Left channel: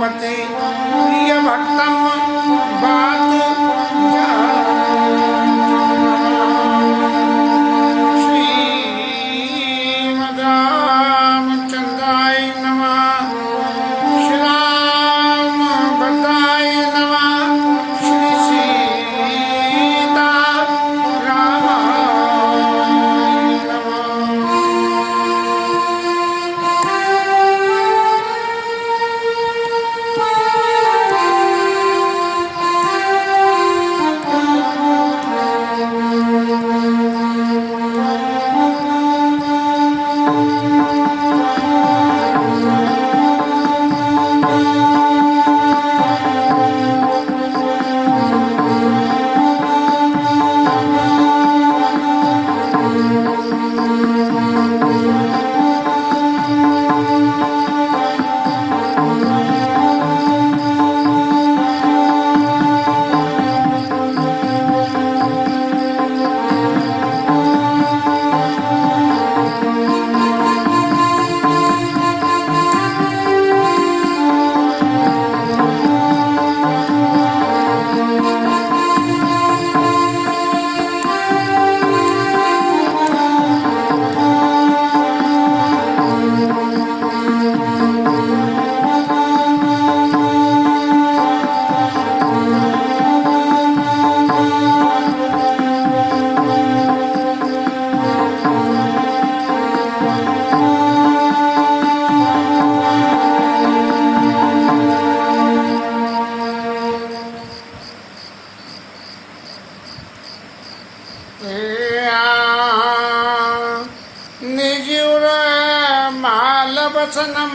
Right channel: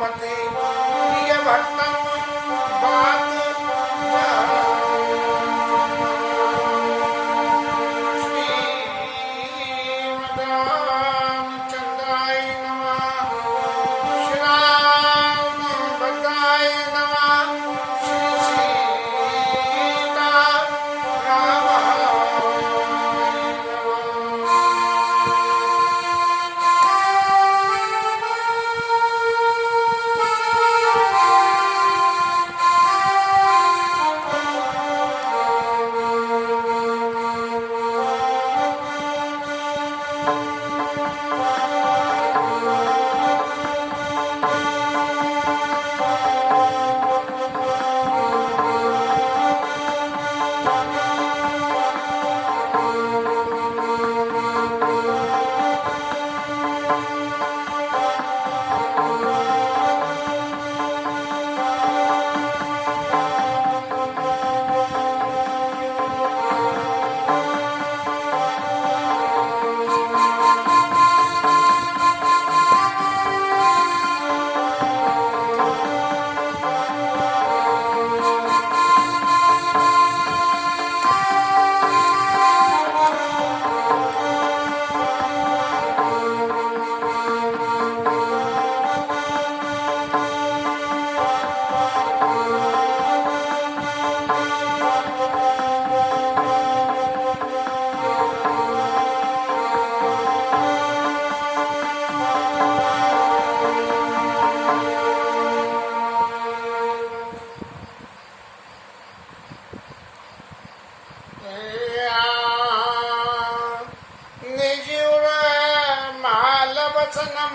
पते प्रिय भक्तम बात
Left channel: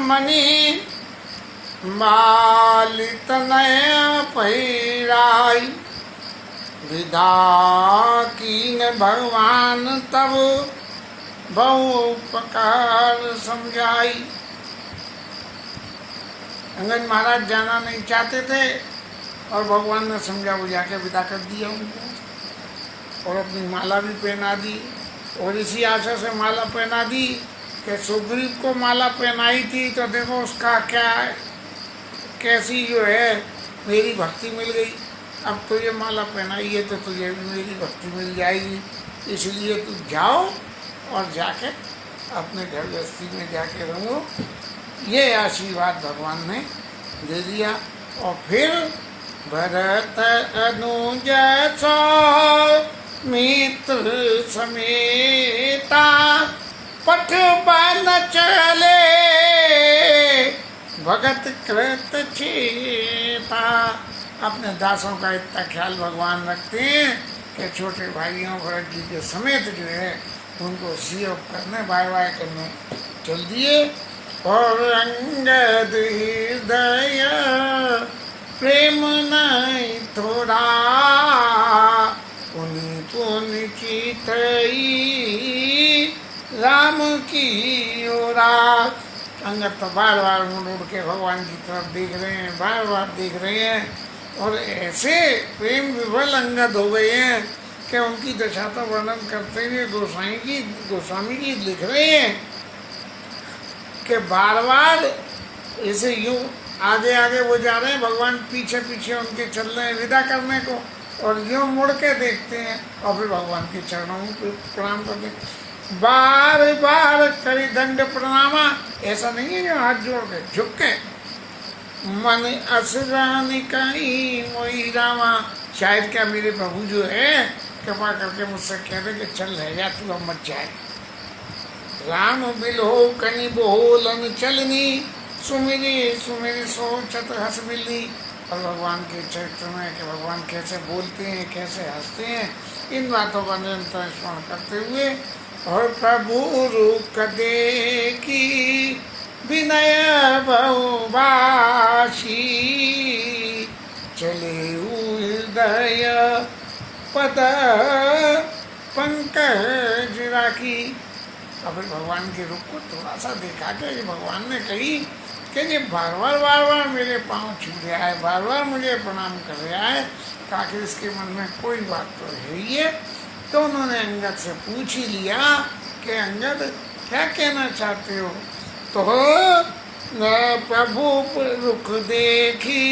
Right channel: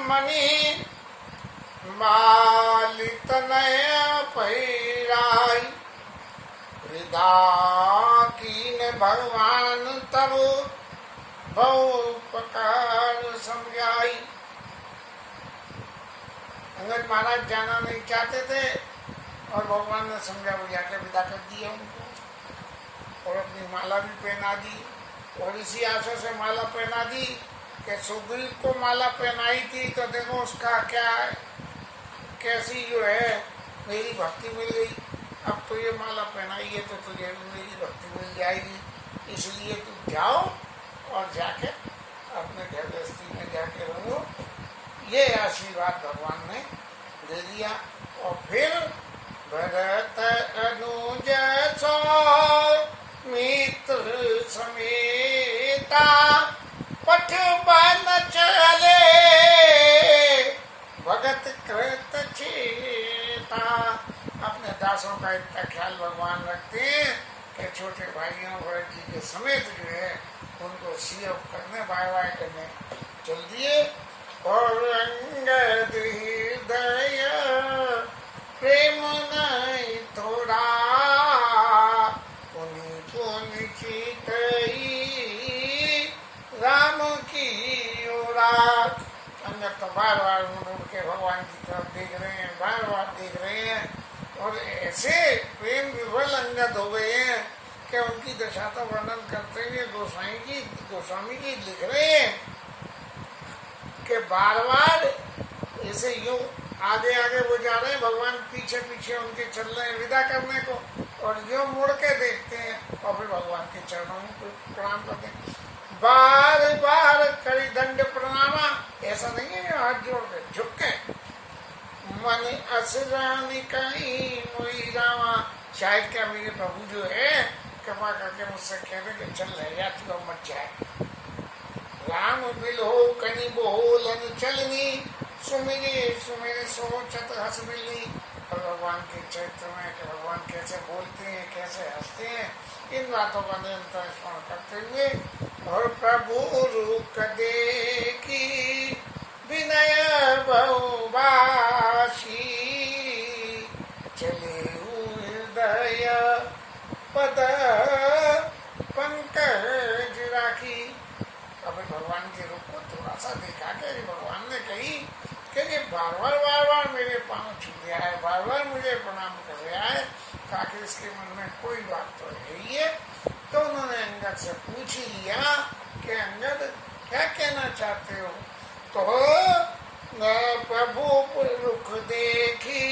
मणि मालित नय पहिराई विदा कीन भगवान तब बहु प्रकार समझाई। अंगद महाराज जाना नहीं चाहते थे और भगवान ने समझा बुझा के विदा कर दिया उनको और अपनी माला भी पहना दी। और इसी आशा से माला पहना दी कि सुग्रीव को माला पहनाई थी तो देखो उसका क्या है, कैसी जो है मेरी भक्ति मिल गई। अब तो ये माला पहनाई है तो तुझे भी मेरी भक्ति मिल जाएगी, इसलिए तू जाओ और जाके अपने घर गृहस्थी में जाके रहो। ये आशीर्वाद भगवान ने दे दिया। और फिर भरत अनुज मित्र समेता पठ बन चले भगत कृत चेता। अपने दासों का इतना ख्याल भगवान रखते हैं कि छोटे भाइयों भरत जी के समेत जो है उनको सीएफ करने बाय बाय करने चल दिए। और अंगद हृदय प्रेम नहीं थोड़ा उन्हीं तो निचितई राम की ओरा। अंगद तो बार बार मुड़ उड़ के भगवान की तरफ देख रहे हैं, बार बार देख रहे हैं और ऐसे प्रेम विवल अंगद हो गए हैं कि उनकी दशा का वर्णन करते हुए गोस्वामी जी लिख रहे हैं कि बार बार ऐसे यूं आगे आगे वो जा रहे हैं, भगवान पीछे पीछे उनके चल रहे हैं विदा करने को और यूं मुड़ के देखते हैं और फिर भगवान के चरणों में प्रणाम करते हैं। बार बार करी दंड प्रणामा, ऐसा नहीं है जो हाथ जोड़ के झुक के मन असरानी कहीं मोई रामा। शायद क्या मेरे प्रभु जो है कृपा करके मुझसे कह रहे कि चल रह जा तू अब मत जाए। राम बिलो कनी बोलन चलनी सुमिरी सुमिरी सोचत हंस मिलनी। और भगवान के चरित्र में कि भगवान कैसे बोलते हैं कैसे हंसते हैं इन बातों का निरंतर स्मरण करते हुए और प्रभु रूप देखी विनय बहुबाशी चले हृदय पद पंकज राखी। अब भगवान के रूप को थोड़ा सा देखा कि भगवान ने कही कि ये बार बार मेरे पाँव छू रहा है, बार बार मुझे प्रणाम कर रहा है, ताकि इसके मन में कोई बात तो है ही है। तो उन्होंने अंगद से पूछ ही लिया कि अंगद क्या कहना चाहते हो। तो न प्रभु रुख देखी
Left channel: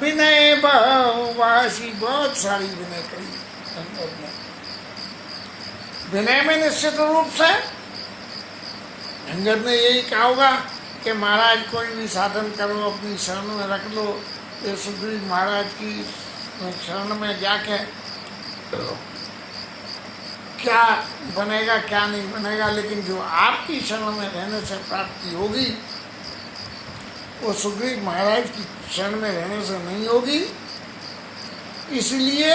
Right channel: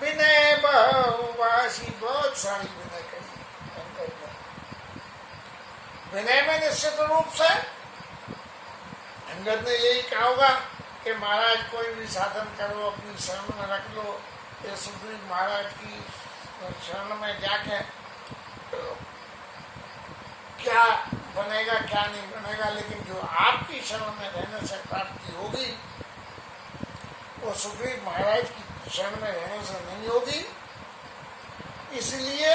विनय बहुवासी। बहुत सारी विनय करी अंगद ने। विनय में निश्चित रूप से अंगद ने यही कहा होगा कि महाराज कोई भी साधन करो, अपनी शरण में रख लो। ये सुग्रीव महाराज की शरण में जाके क्या बनेगा क्या नहीं बनेगा, लेकिन जो आपकी शरण में रहने से प्राप्ति होगी वो सुग्रीव महाराज की शरण में रहने से नहीं होगी। इसलिए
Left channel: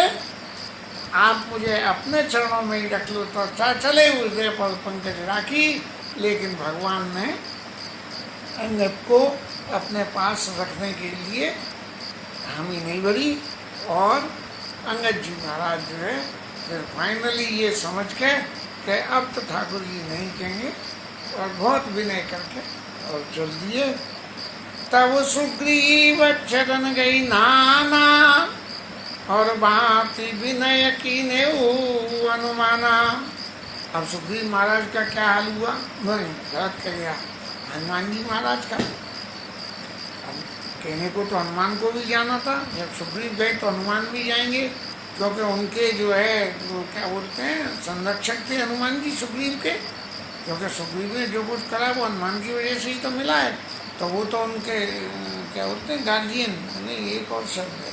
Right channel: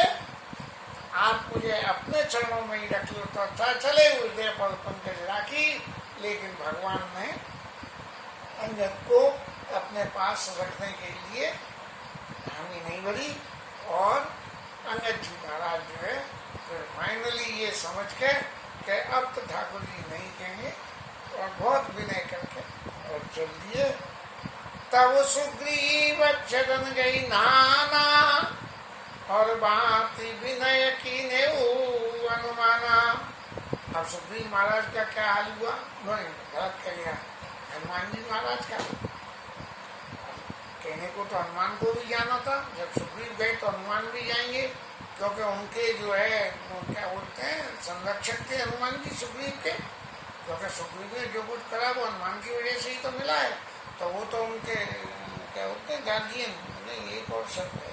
आप मुझे अपने चरणों में ही रख लो तो अच्छा चले। हृदय पर पंकज राखी, लेकिन भगवान ने अंगद को अपने पास रखने के लिए हामी नहीं भरी। और अंगद जी महाराज जो है फिर फाइनली ये समझ के कि अब तो ठाकुर जी नहीं कहेंगे, और बहुत विनय करके और चल दिए। तब सुग्रीव चरण गई नाना, और बात विनय की ने अनुमाना। अब सुग्रीव महाराज का क्या हाल हुआ? नहीं, गलत कर गया हनुमान जी महाराज का। अब कहने को तो हनुमान को भी जाना था, जब सुग्रीव गए तो हनुमान भी जाएंगे, क्योंकि उनके जो है वो क्या बोलते हैं संरक्षक थे हनुमान जी सुग्रीव के। क्योंकि सुग्रीव ने जो कुछ करा वो हनुमान की वजह से ही तो मिला है, तो वो तो उनके क्या बोलते हैं गार्जियन, नहीं एक और शब्द है,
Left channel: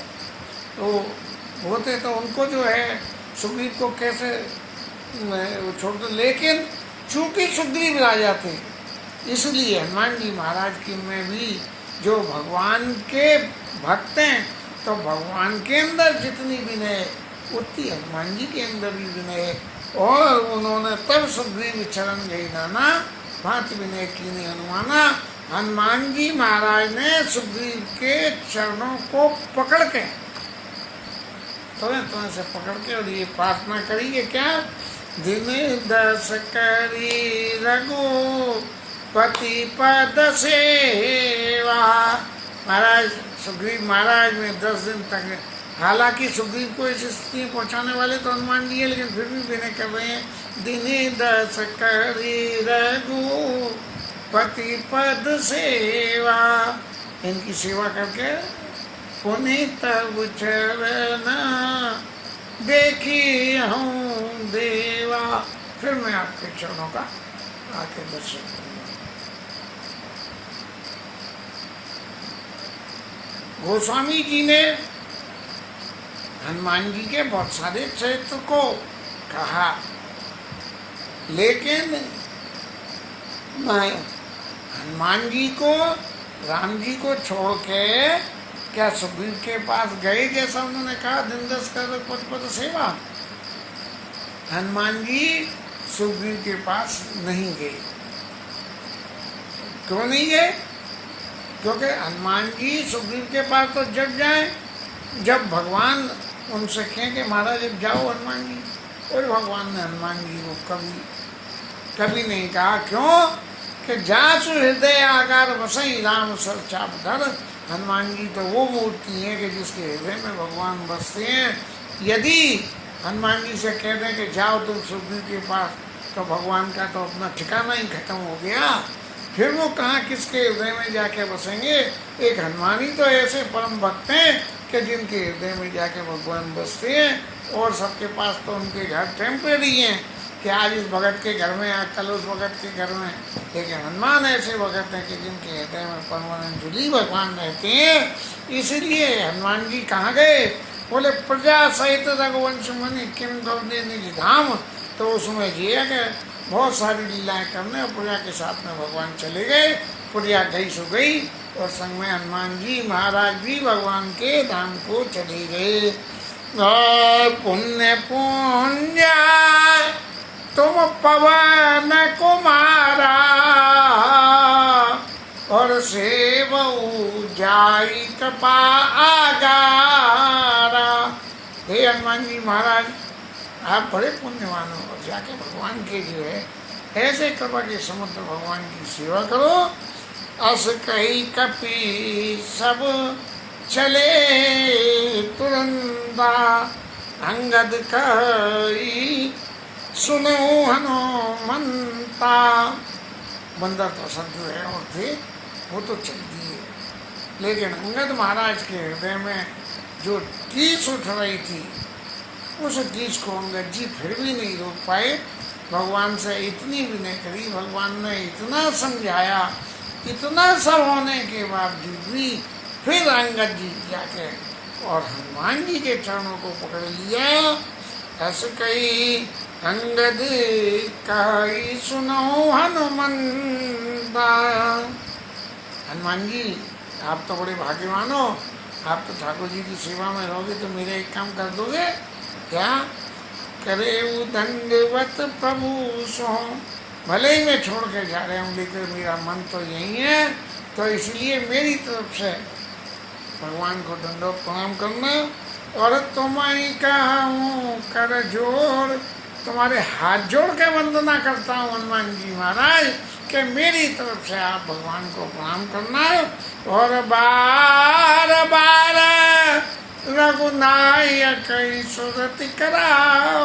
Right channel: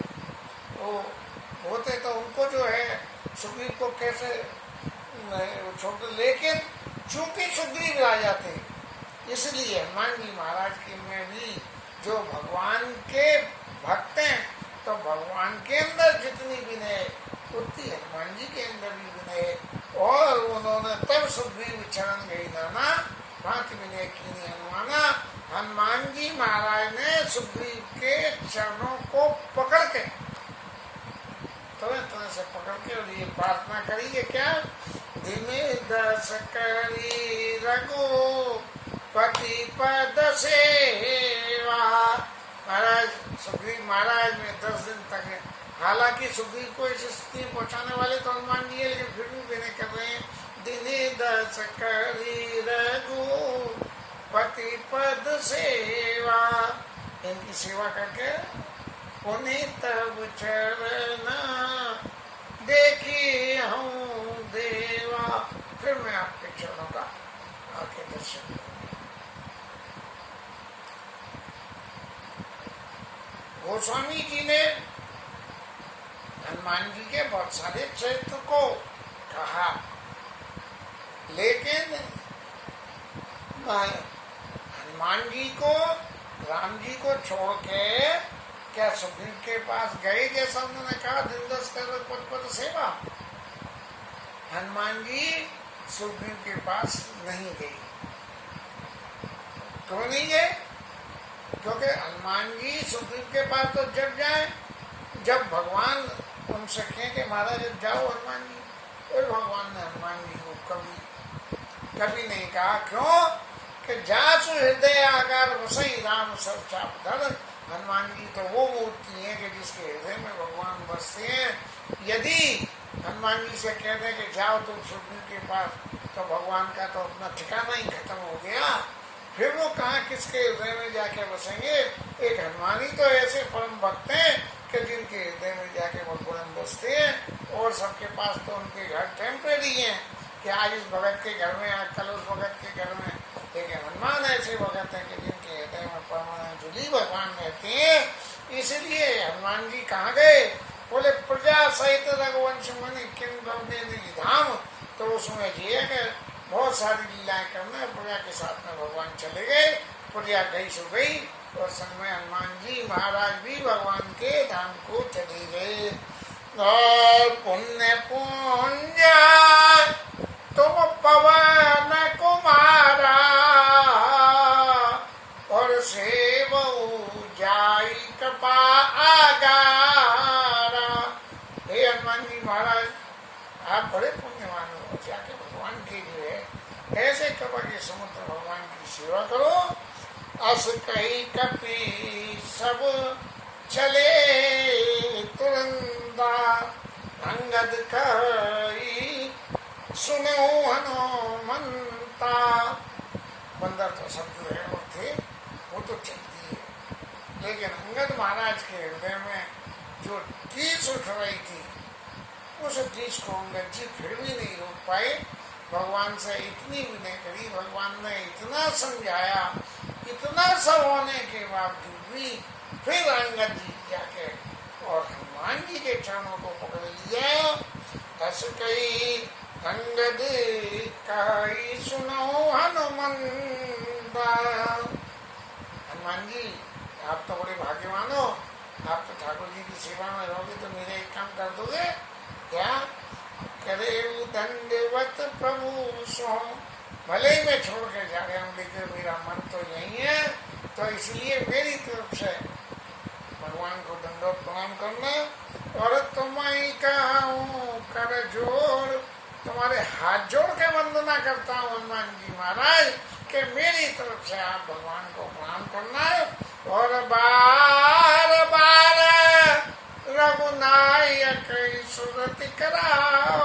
तो होते तो उनको जो है सुग्रीव को कैसे छोड़ दो। लेकिन चूंकि सुग्रीव राजा थे, इसलिए हनुमान जी महाराज की में भी जो भगवान के भक्त हैं, तो भगवान के अंदर जितनी विनय उतनी हनुमान जी के अंदर भी विनय है। और उन्होंने तब सुग्रीव चरण गई नाना, भांति विनय कीन्ही अनुमाना। हनुमान जी महाराज ने सुग्रीव के चरणों को पकड़ के तुम्हें से पकड़ के और ये प्रार्थना करी कि क्या दिन दस करी रघुपति पद सेवा। महाराज सुग्रीव महाराज में 10 दिन तक, हालांकि सुग्रीव को इस स्थिति में पहुंचाने वाले तो हनुमान जी है, लेकिन फिर भी विनय कर रहे हैं। दिन दस करी रघुपति पद सेवा, इनकी सेवा करके पुनि तब चरण देखी हूँ देवा, फिर मैं आपके चरणों का आके दर्शन करूँगा। गोस्वामी जी ने हनुमान जी के बहुत सारे चरित्र को कहा, लेकिन मैं हनुमान जी को राम जी को छोड़ के क्या सुग्रीव के पास गए, जैसा उन्होंने कहा दिन 10 कर पद सेवा। हनुमान जी सुग्रीव के पास नहीं गए। क्यों नहीं गए? क्योंकि हनुमान जी सुग्रीव के पास तो जब जाए जब भगवान उनसे कहें कि महाराज जब जाओ हनुमान जी, और भगवान ने हनुमान जी को कभी नहीं कहा। क्यों? कि जासु हृदय आकार बसई राम सर चाप धर। हनुमान जी तो वो मूर्ति है कि जिसके हृदय में भगवान बसते हैं। यदि हनुमान जी से कह दें कि जाओ तुम सुग्रीव के पास, तो भगवान का तो अपना ठिकाना ही खत्म हो गया। फिर वो कहाँ किसके हृदय में जाके बसेंगे? एक हनुमान ही तो ऐसे परम भक्त हैं कि जिनके हृदय में जाके भगवान बसते हैं, और सबके पास तो उनके घर टेम्परेरी हैं कि आज इस भगत के घर में, आज कल उस भगत के घर में। लेकिन हनुमान ऐसे भगत हैं कि जिनके हृदय में परमानंद भगवान रहते हैं। इसीलिए हनुमान जी कहाँ गए? बोले प्रजा सहित रघुवंश मुनि किम गौदे निधि धाम। तो उसमें जिया गए बहुत सारी लीलाएं करने, और प्रजा के साथ में भगवान चले गए। प्रजा गई सो गई, और संग में हनुमान जी महाराज भी भगवान के धाम को चले गए। पुण्य पुण्य तुम पवन कुमारा, और सेवऊ जाई कृपा आगारा। हे हनुमान जी महाराज, आप बड़े पुण्यवान हो, और जाके भगवान के जो है ऐसे कृपा के समुद्र भगवान की सेवा करो। अस कही कपि सब चले तुरंदा, अंगद कही सुनो हनुमंता। बंदर तो सब जो है और थे, वो तो चल दिए, लेकिन अंगद महाराज के हृदय में जो टीस उठ रही थी, उस टीस को अंगद जी फिर भी नहीं रोक पाए। भगवान से इतनी विनय करी, भगवान ने इतना समझाया, इतना सब होने के बावजूद भी फिर अंगद जी जाके और हनुमान जी के चरणों को पकड़ लिया। ऐसे कही अंगद कही सुनो हनुमंता। हनुमान जी आप तो बड़े भाग्यवान हो, आप तो ठाकुर जी की सेवा में रहोगे तो मेरे एक काम कर दोगे क्या? करे दंडवत प्रभु सो। भले ही मैं छोड़ के जा रहा हूँ, लेकिन मेरा मन तो यही है, तो इसलिए मेरी तरफ से भगवान को दंडवत प्रणाम करना। और तुम्हारी कहा हूँ कर जोड़, तुम्हारे हाथ जोड़ के वंदना करता हूँ हनुमान जी महाराज कि मेरी तरफ से आप भगवान को प्रणाम करना। और बार बार रघुनायक सुरति कराओ।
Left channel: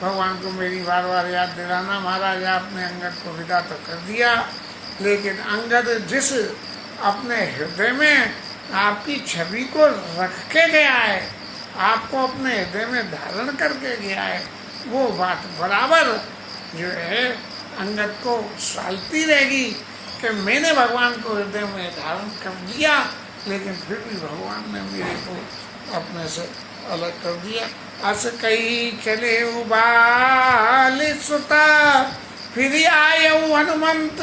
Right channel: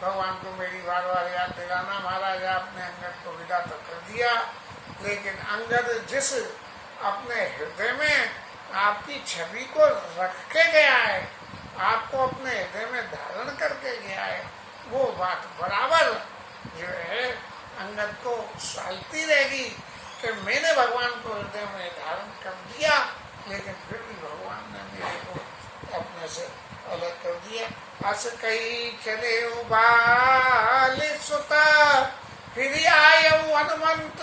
भगवान को मेरी बार बार याद दिलाना। महाराज आपने अंगद को विदा तो कर दिया, लेकिन अंगद जिस अपने हृदय में आपकी छवि को रख के गया है, आपको अपने हृदय में धारण करके गया है, वो बात बराबर जो है अंगद को सालती रहेगी कि मैंने भगवान को हृदय में धारण कर लिया, लेकिन फिर भी भगवान ने मेरे को अपने से अलग कर दिया। अस कही चले उबाल सुता, फिर आयऊ हनुमंत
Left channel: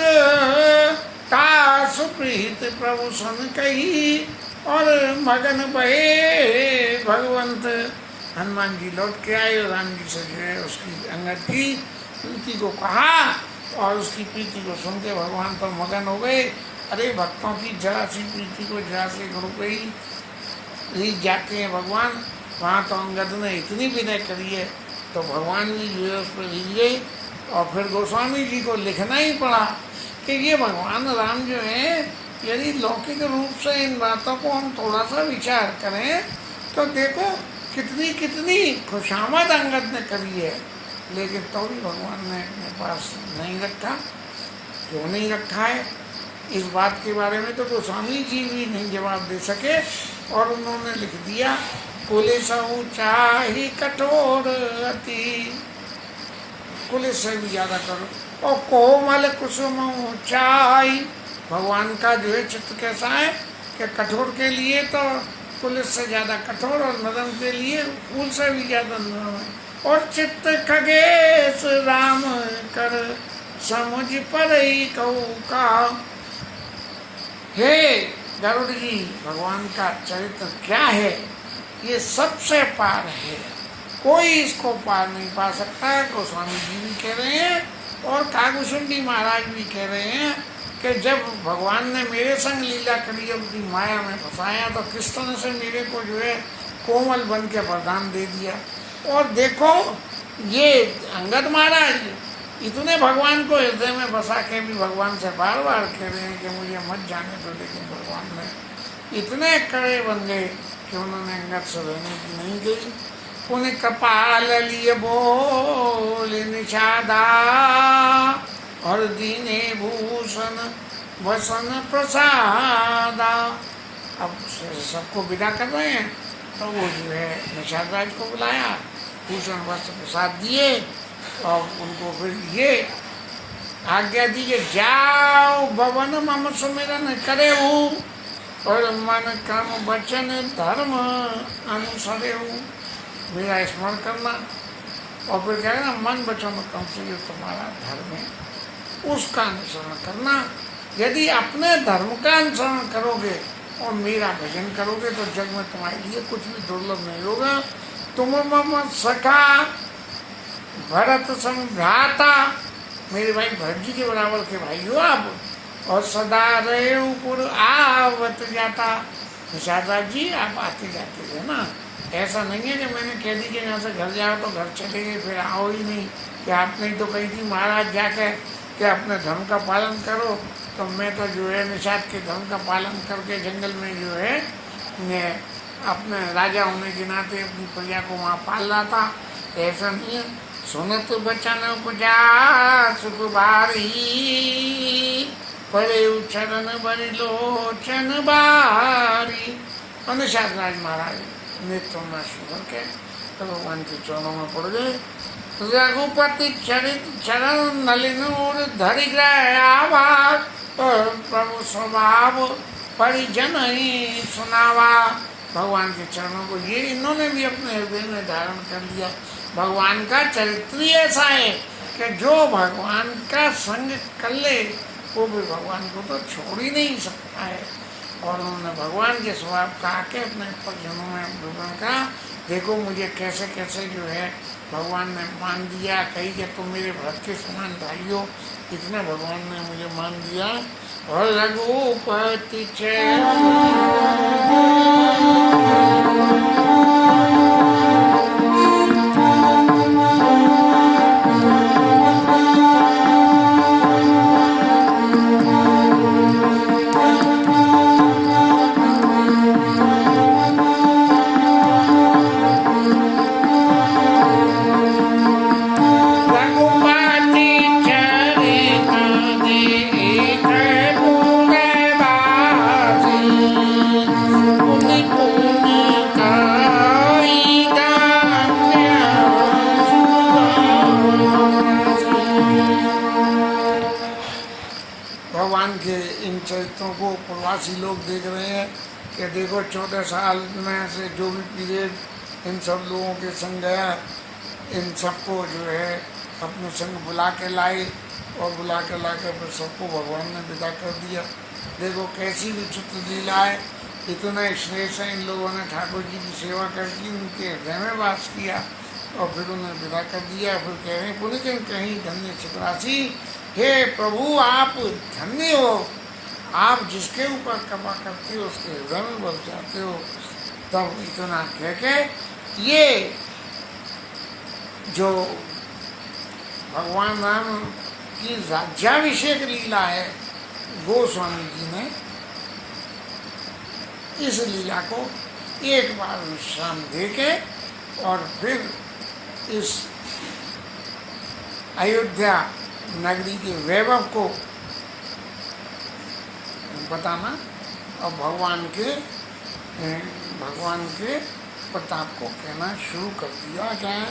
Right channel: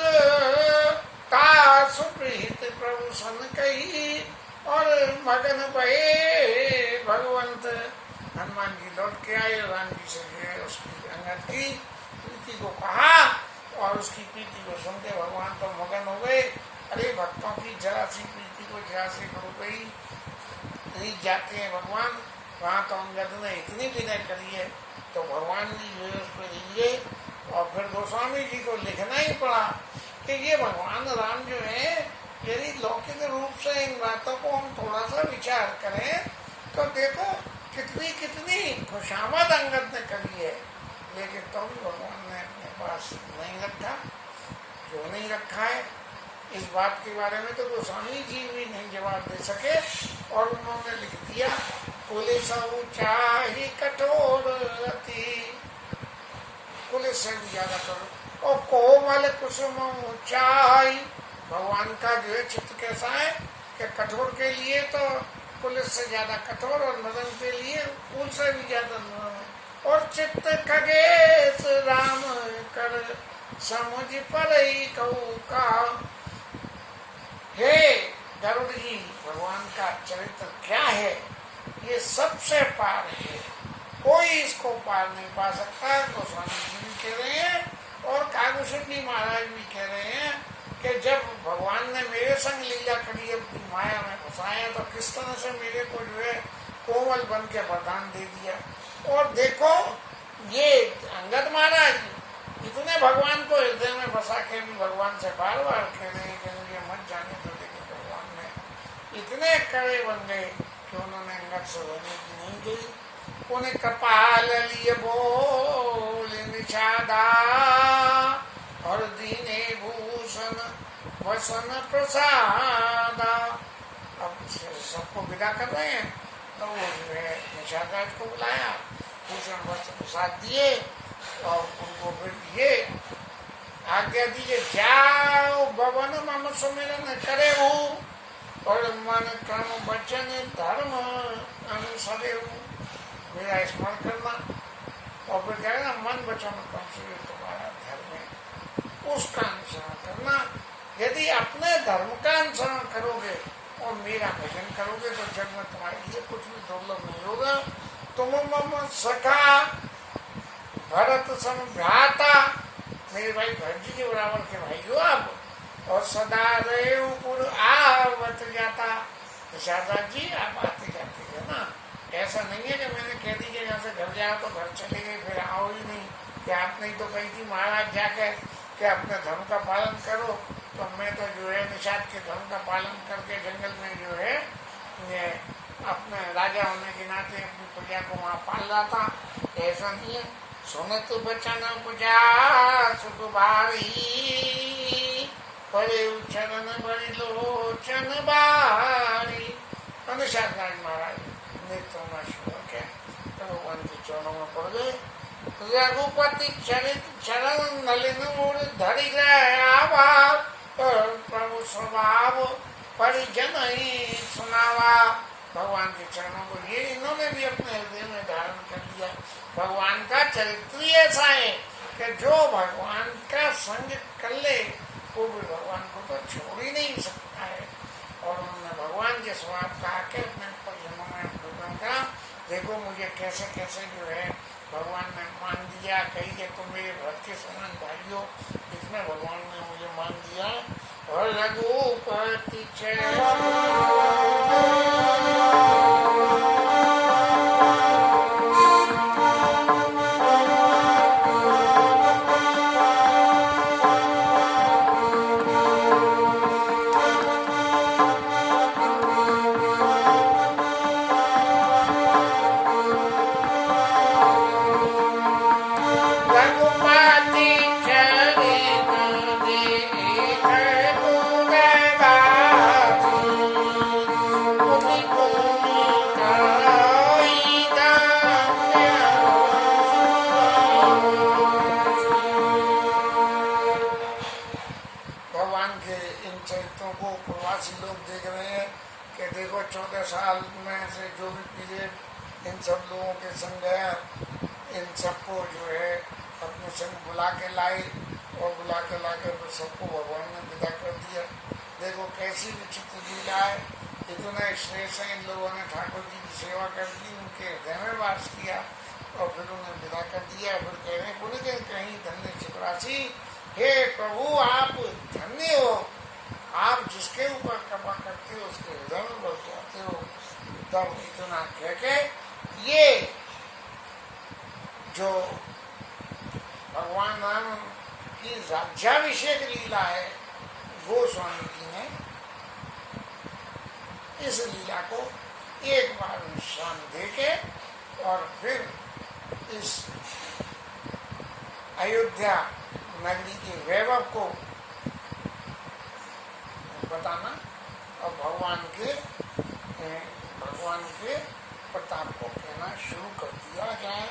तासु प्रीत प्रभु सन कही। और मगन बहे भगवंत। हनुमान जी लौट के आए और राम जी से जो है उसकी अंगद की प्रीति को कहा, और उसकी प्रीति को सुन के भगवान तो मगन हो गए। अरे भक्तों की जरा सी प्रीति को जरा से गुरु पे ही रीत जाते हैं भगवान। वहाँ तो अंगद ने इतनी विनय करी है, तो भगवान भी जो है उस पर रीझ गए। और फिर गोस्वामी जी को लिखना ही पड़ा कि ये भगवान राम जो है, यदि लौकिक रूप से इन बातों को हम थोड़ा सा विचार करें तो देखो कितनी कितनी खुशामद अंगद ने करी है, लेकिन तो भी भगवान ने अपने पास नहीं रखा। क्यों नहीं रखा है, इस बात के बारे में तो गोस्वामी जी भी नहीं जवाब दे सके, और उन्होंने लिख दिया कुलिस चाही कठोर अति। कुलिस से भी ज़्यादा करो। और कोमल कुसुम चाही, भगवान का जो है चित्त कैसा है कि कठोर के लिए तो पुलिस से ज़्यादा कठोर, और नरम के लिए फूल से भी ज़्यादा नरम है। और चित्त खगेश राम कर समुझ पर ही कहू का। हे गरुड़ जी, भगवान का चरित्र क्या है, ये सबसे पार है, कोई इसको पार नहीं पा सकता। गोस्वामी जी भी कह रहे हैं और कागभूषण महाराज भी कह रहे हैं कि जब भगवान ने मेरे संग लीला करी और अपनी माया में फंसाया, तो किस तरह से मेरे को जो है कोमल बन के वरदान दे दिया। और देखो ये अंगद महाराज इतने भगवान को हृदय में बसा के भी भगवान से बार बार कह रहे हैं कि मुझे मत जाने दो, लेकिन भगवान ने इतने कड़े बन गए कि उन्होंने अंगद से रहने की नहीं गई। उन्हें कपाल लिए बोल निषादा, और दीने भूषण वसन प्रसादा। अब सबको विदा कर रहे हैं, तो वो जो है निषाद राज को बुलाया, भूषण वस्त्र प्रसाद दिए, और उनको फिर ये आज्ञा दी कि जाओ भवन मम सुमिरन करे हूँ, और मन कर्म वचन धर्म अनुसरे हूँ। मेरा स्मरण करना, और फिर क्या है ना, मन वचन कर्म से जो तुम्हारा धर्म है उसका अनुसरण करना। यदि अपने धर्म का अनुसरण करोगे और मेरा भजन करोगे तो जग में तुम्हारे लिए कुछ भी दुर्लभ नहीं होगा। तुम मम सखा भरत समभ्राता, मेरे भाई भरत जी के बराबर के भाई हो आप, और सदा रहे पुर आवत जाता। निषाद जी आप आते जाते है ना, ऐसा नहीं है कि मैंने कह दी कि यहाँ से घर जाओ तो घर चले गए फिर आओ ही नहीं। कि आपने तो कही थी महाराज जाकर कि अपने धर्म का पालन करो, तो मैं तो जो है निषाद के धर्म का पालन करके जंगल में जो है मैं अपने राजा होने के नाते अपनी प्रजा को वहाँ पाल रहा था। ऐसा नहीं है। सुनत बचन उपजा सुख बारी, पड़े चरण बड़ी लोचन बारी। शास्त्राज महाराज नेत्रों में सुन के तो भगवान के चरणों में पड़ गए। रघुपति चरित चरण नलिन धरि ग्रह आवाज, प्रभु स्वभाव परिजन ही सुनावा। भगवान के चरणों को ये इन्होंने भी अपने हृदय में धारण कर लिया। भगवान का चरित्र ही ऐसा है कि जो भगवान का संग कर ले वो भी भगवान को तो छोड़ ही नहीं सकता है। और उन्होंने भगवान के स्वभाव का आके अपने परिजनों में विवरण करा, देखो मुझे कैसे कैसे जो है भगवान ने मान दिया। कही कि तुम मेरे भक्त के समान भाई हो, इतने भगवान ने मुझे मान दिया। और रघुपति प्रवासी लोग देख रहे हैं कि देखो 14 साल में से जो भी पीरियड इन सब लोगों के संग गया, इन सबको जो है अपने संग बुला के लाए और बुला के ला के फिर सबको भगवान ने विदा कर दिया। देखो कैसी विचित्र लीला है। इतना श्रेष्ठ इन लोगों ने ठाकुर जी की सेवा करके उनके हृदय में वास किया और फिर उन्हें विदा कर दिया। फिर कह रहे हैं पुण्य कहीं धन्य चपरासी, हे प्रभु आप धन्य हो, आप जिसके ऊपर कृपा करते हो उसके हृदय में बस जाते हो। तब इतना कह के ये जो भगवान राम की राज्याभिषेक लीला है, गोस्वामी जी ने इस लीला को एक बार विश्राम दे के और फिर इस अयोध्या नगरी के वैभव को बताना और भगवान के प्रताप को कहना शुरू कर दिया। क्या है